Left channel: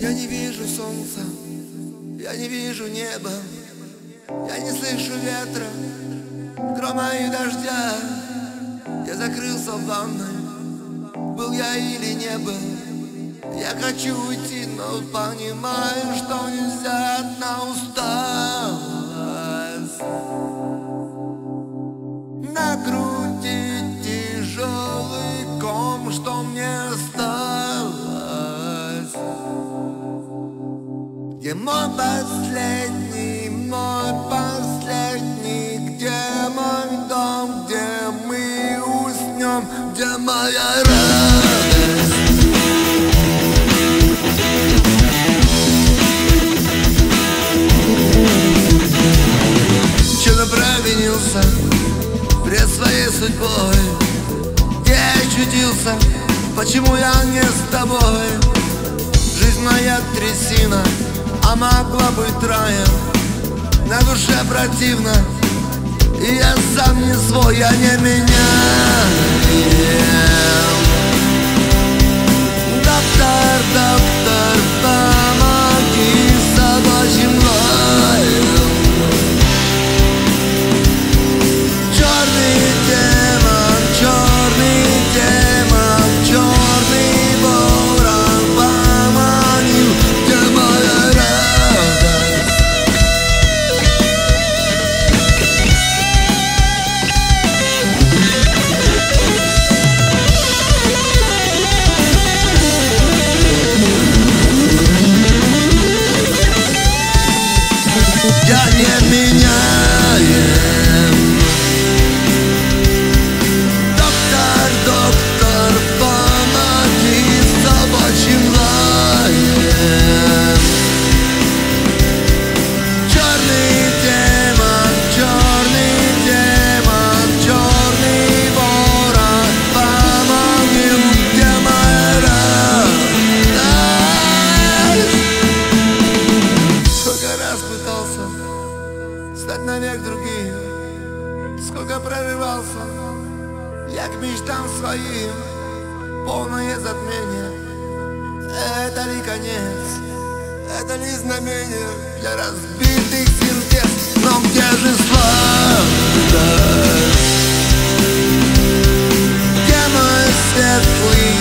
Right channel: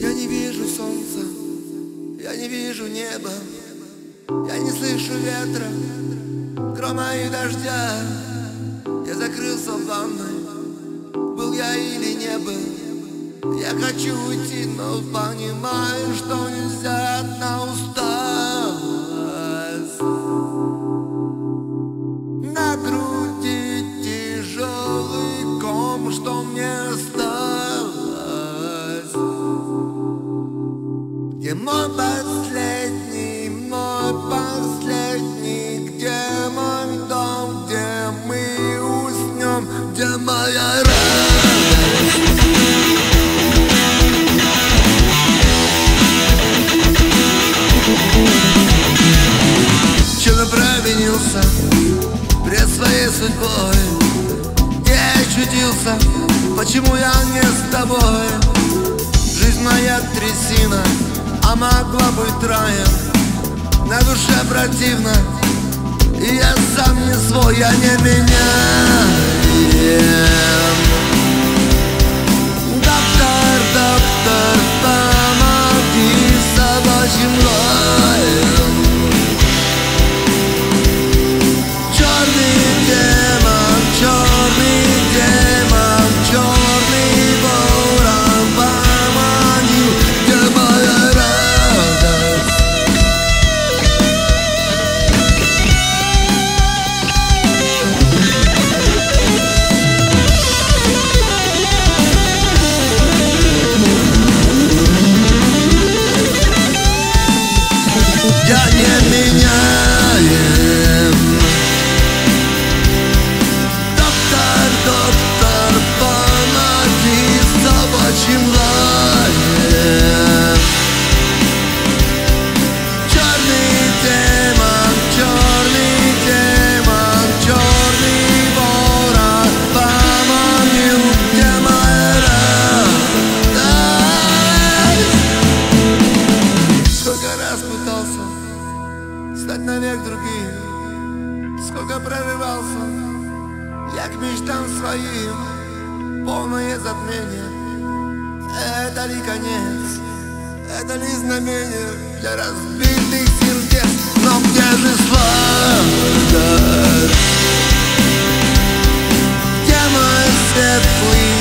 Я не вижу солнца, я не вижу неба, я не слышу ветра, грома и дождя. Я закрылся в ванной, был я или не был. Я хочу уйти, но понимаю, что нельзя на усталость. На груди тяжелый ком, что мне осталось. Где мой последний, где мой дом, где мы уснем, где моя радость? Чем я провинился пред своей судьбой? Где я очутился? Почему я не с тобой? Жизнь моя трясина, а могла быть раем. На душе противно, и я сам не свой, я не меняем. Доктор, доктор, помоги собачьим лаем. Черный демон, черный ворон поманил, где моя радость? Я не меняем. Доктор, доктор, помоги собачьим лаем. Черный демон, черный ворон поманил, где моя радость? Сколько раз пытался стать навек другим, сколько прорывался я к мечтам своим. Полное затмение, это ли конец, это ли знамение для разбитых сердец? Но где же сладость? Где мой светлый